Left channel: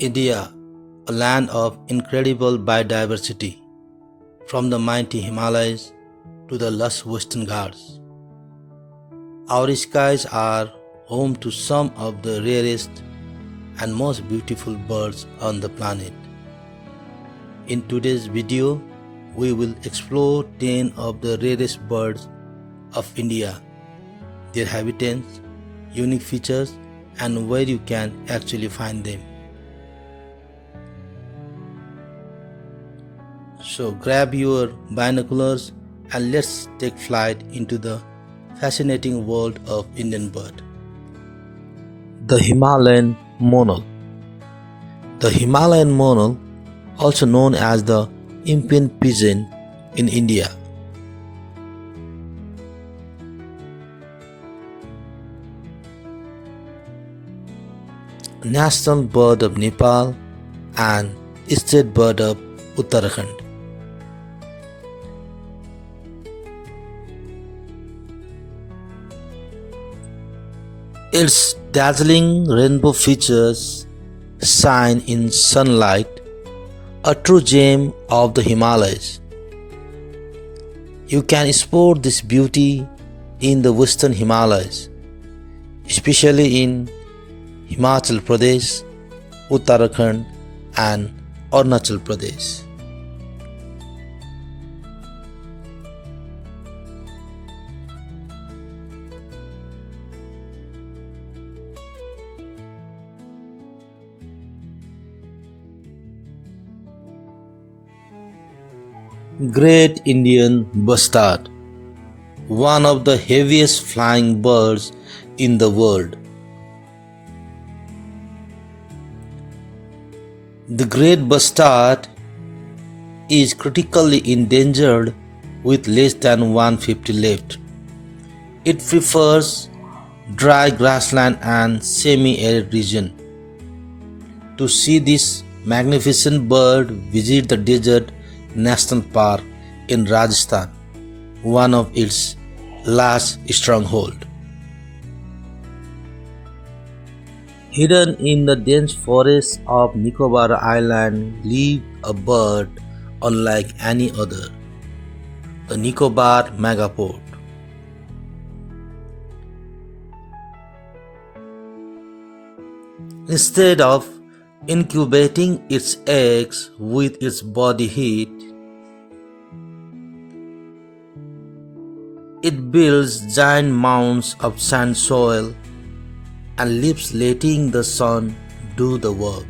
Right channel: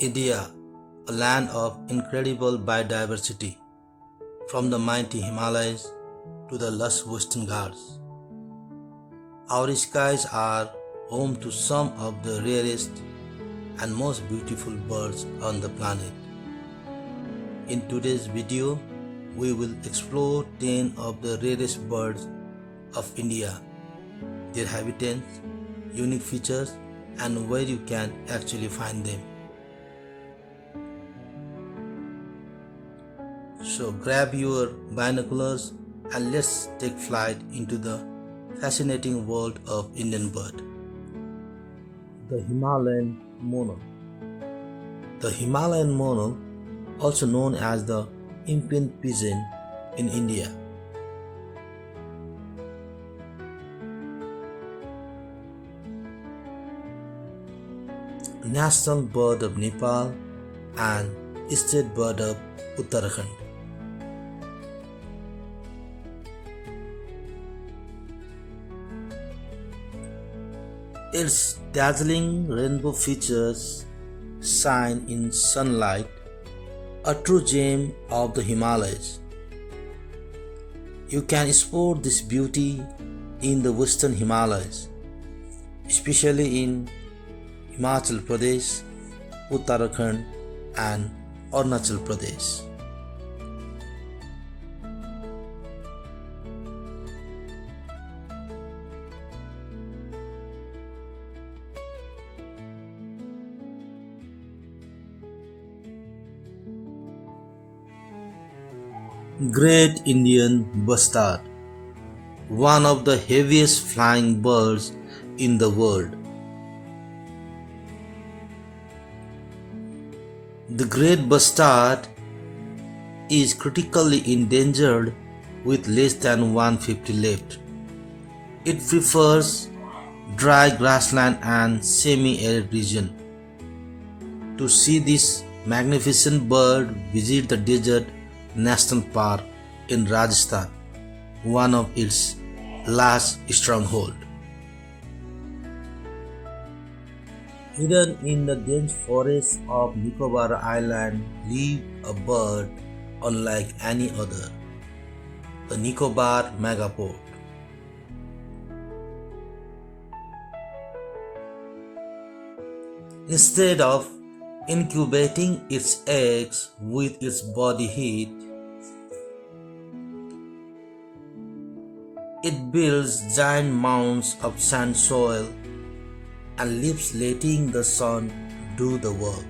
India, a land of incredible biodiversity, from the mighty Himalayas to the lush western Ghats. Our skies are home to some of the rarest and most beautiful birds on the planet. In today's video, we will explore 10 of the rarest birds of India, their habitats, unique features, and where you can actually find them. So grab your binoculars and let's take flight into the fascinating world of Indian bird. The Himalayan Monal. The Himalayan Monal, also known as the Impian pigeon in India, national bird of Nepal and state bird of Uttarakhand. Its dazzling rainbow features shine in sunlight, a true gem of the Himalayas. You can spot this beauty in the western Himalayas, especially in Himachal Pradesh, Uttarakhand, and Arunachal Pradesh. Great Indian Bustard, one of the heaviest flying birds in the world. The Great Bustard is critically endangered with less than 150 left. It prefers dry grassland and semi-arid region. To see this magnificent bird, visit the Desert National Park in Rajasthan, one of its last strongholds. Hidden in the dense forests of Nicobar Island lives a bird unlike any other, the Nicobar Megapode. Instead of incubating its eggs with its body heat, it builds giant mounds of sand soil and lives letting the sun do the work.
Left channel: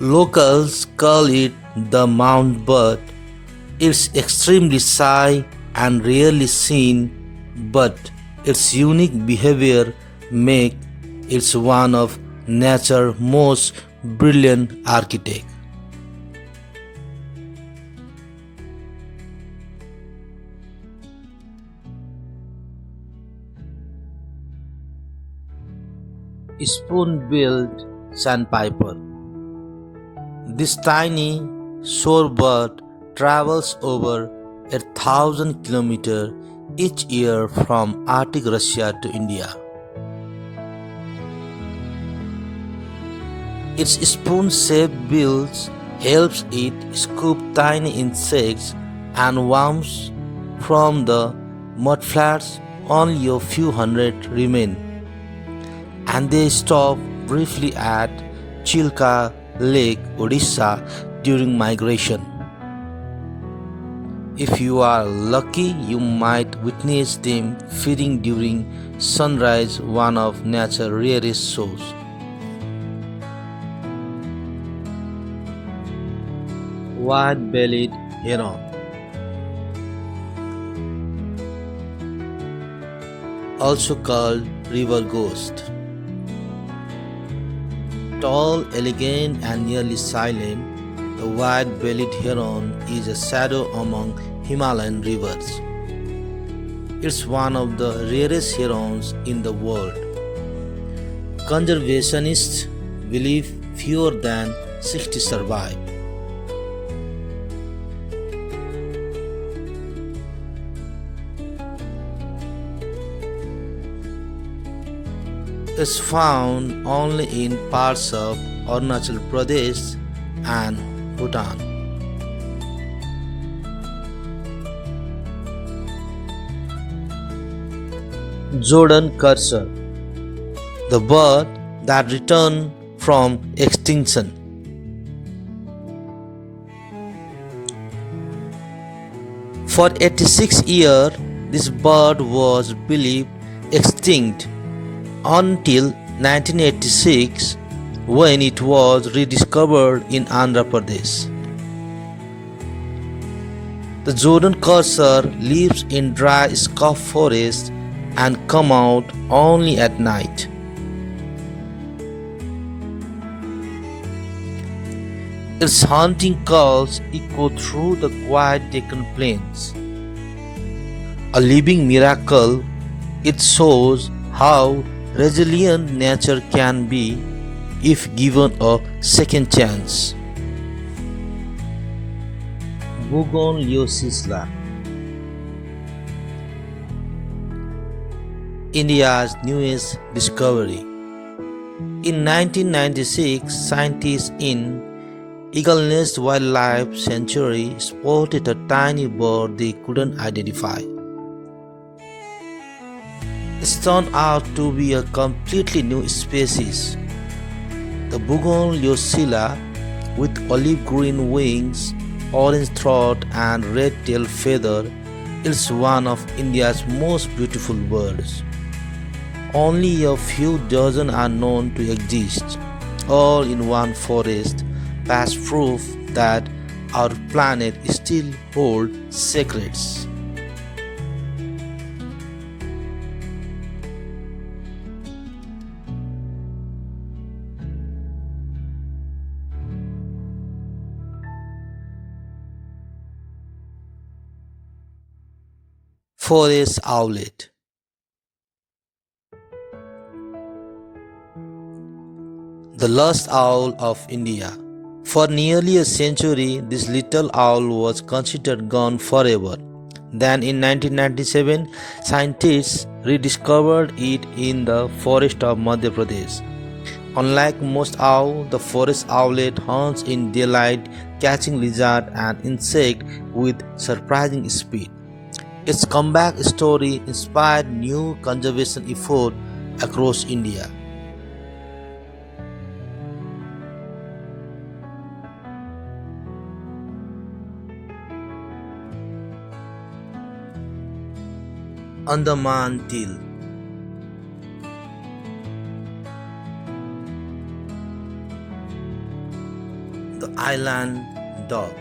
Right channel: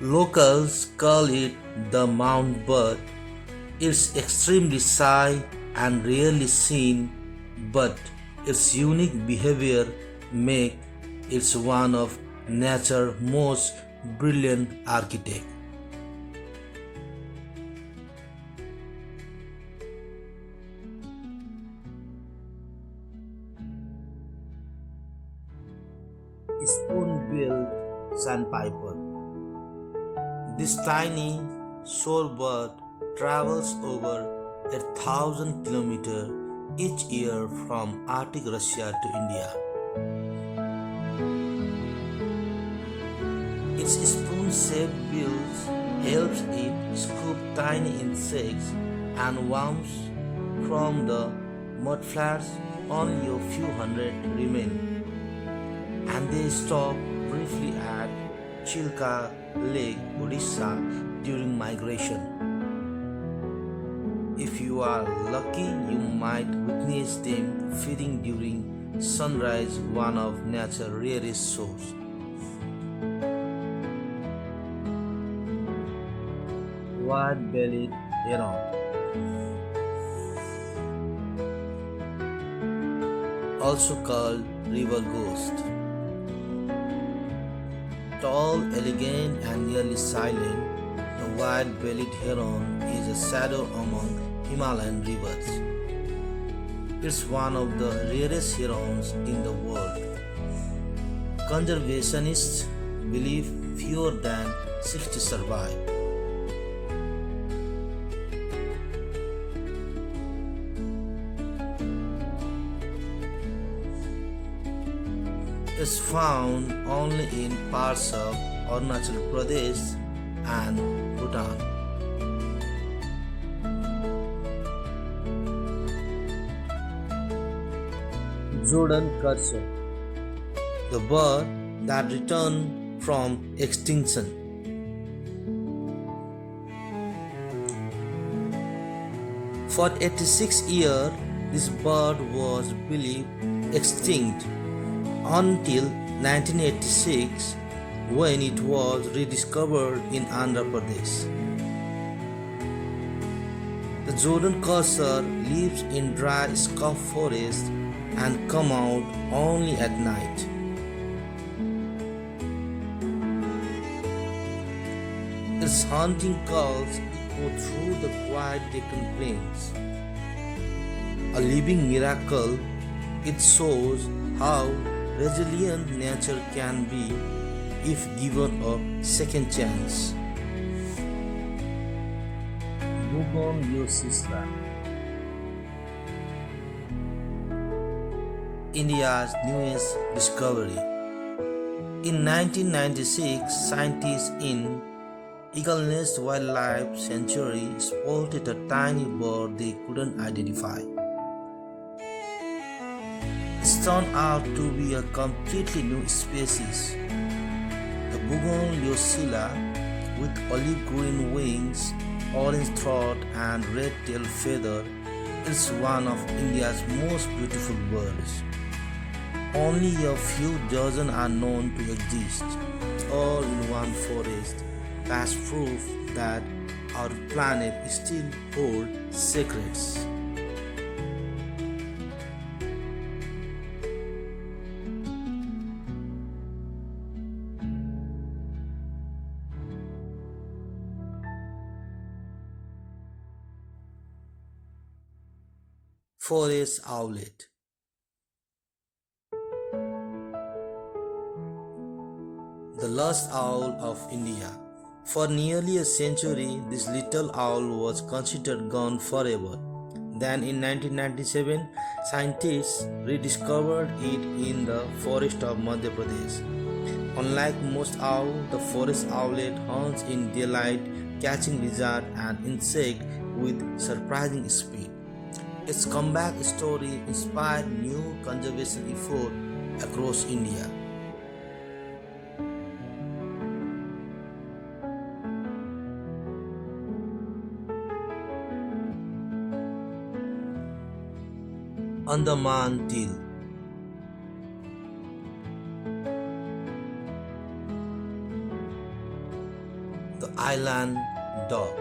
Locals call it the mound bird. It's extremely shy and rarely seen, but its unique behavior makes it one of nature's most brilliant architects. Spoon-billed sandpiper. This tiny shorebird travels over 1,000 kilometers each year from Arctic Russia to India. Its spoon-shaped bill helps it scoop tiny insects and worms from the mudflats. Only a few hundred remain, and they stop briefly at Chilka Lake, Odisha during migration. If you are lucky, you might witness them feeding during sunrise, one of nature's rarest shows. White-bellied Heron, also called river ghost. Tall, elegant, and nearly silent, the white-bellied heron is a shadow among Himalayan rivers. It's one of the rarest herons in the world. Conservationists believe fewer than 60 survive. is found only in parts of Arunachal Pradesh and Bhutan. Jerdon cursor, the bird that returned from extinction. For 86 years, this bird was believed extinct until 1986 when it was rediscovered in Andhra Pradesh. The Jerdon cursor lives in dry scrub forests and come out only at night. Its hunting calls echo through the quiet Deccan plains. A living miracle, it shows how resilient nature can be if given a second chance. Bougainvillea, India's newest discovery. In 1996, scientists in Eagle Nest Wildlife Sanctuary spotted a tiny bird they couldn't identify. It turned out to be a completely new species. The Bougainvillea, with olive green wings, orange throat, and red tail feather, is one of India's most beautiful birds. Only a few dozen are known to exist, all in one forest, past proof that our planet still holds secrets. Forest Owlet, the lost owl of India. For nearly a century, this little owl was considered gone forever. Then in 1997, scientists rediscovered it in the forest of Madhya Pradesh. Unlike most owls, the forest owlet hunts in daylight, catching lizards and insects with surprising speed. Its comeback story inspired new conservation efforts across India. Andaman teal, the island dog.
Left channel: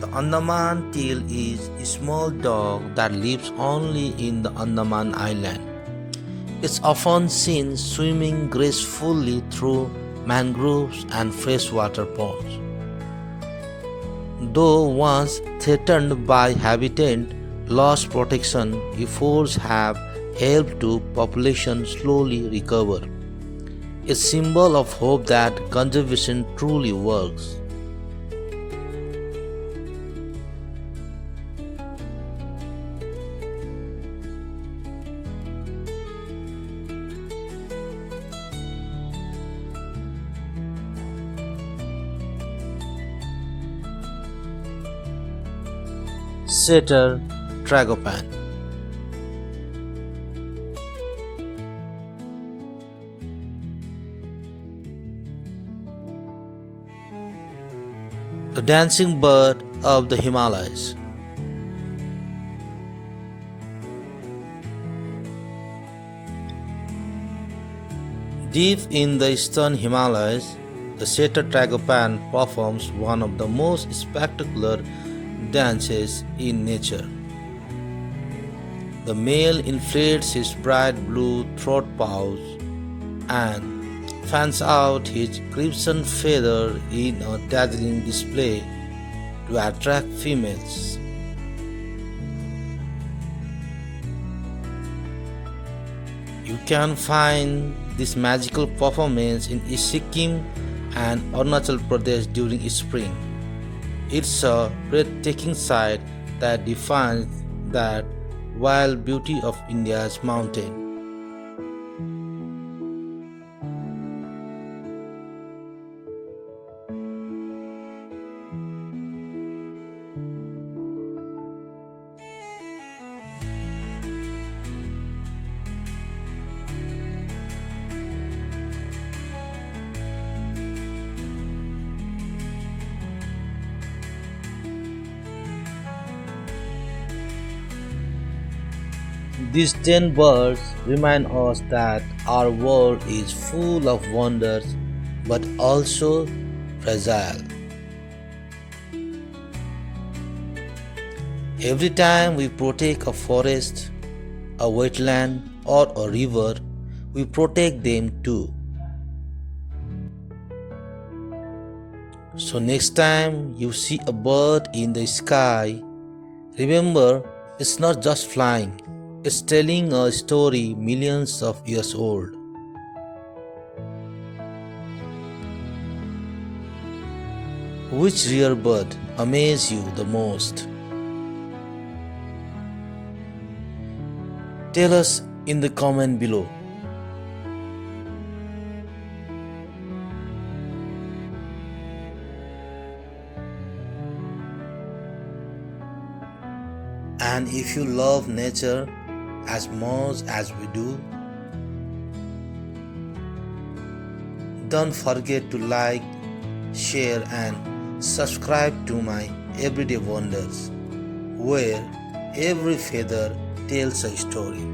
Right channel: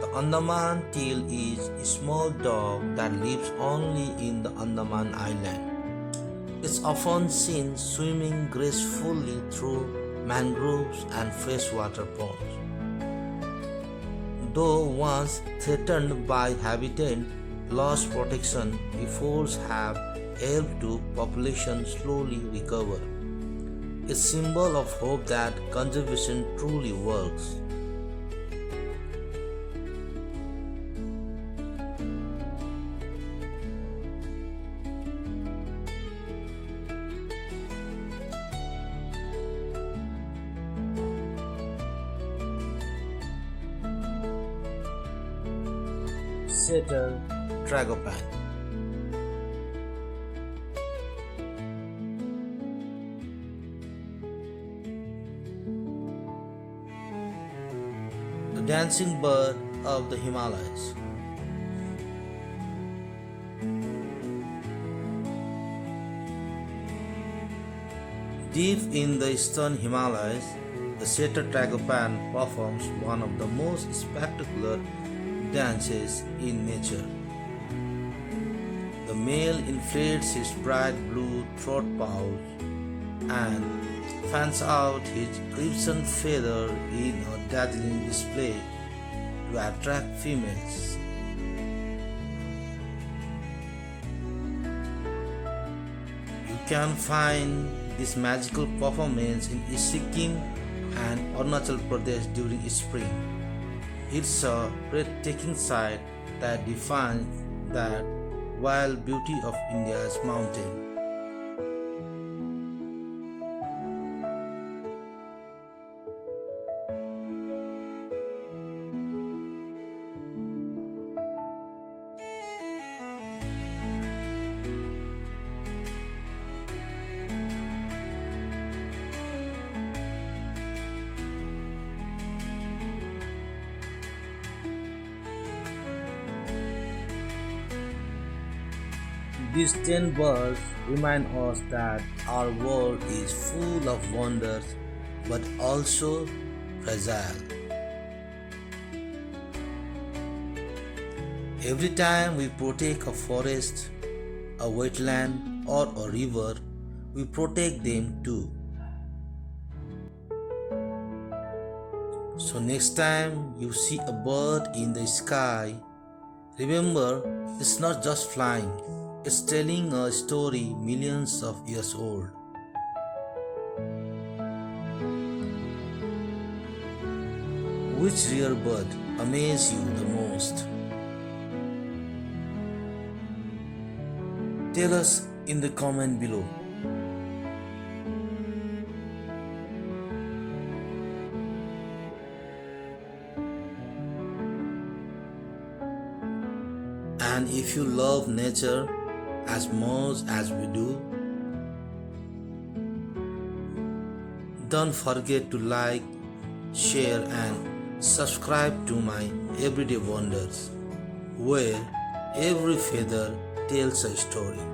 The Andaman teal is a small dog that lives only in the Andaman Island. It's often seen swimming gracefully through mangroves and freshwater ponds. Though once threatened by habitat loss protection efforts have helped to population slowly recover. A symbol of hope that conservation truly works. Setter tragopan. The dancing bird of the Himalayas. Deep in the eastern Himalayas, the setter tragopan performs one of the most spectacular dances in nature. The male inflates his bright blue throat pouch and fans out his crimson feather in a dazzling display to attract females. You can find this magical performance in Sikkim and Arunachal Pradesh during spring. It's a breathtaking sight that defines that wild beauty of India's mountain. These 10 birds remind us that our world is full of wonders but also fragile. Every time we protect a forest, a wetland, or a river, we protect them too. So, next time you see a bird in the sky, remember it's not just flying, it's telling a story millions of years old. Which rare bird amazes you the most? Tell us in the comment below. And if you love nature as much as we do, don't forget to like, share and subscribe to my Everyday Wonders, where every feather tells a story.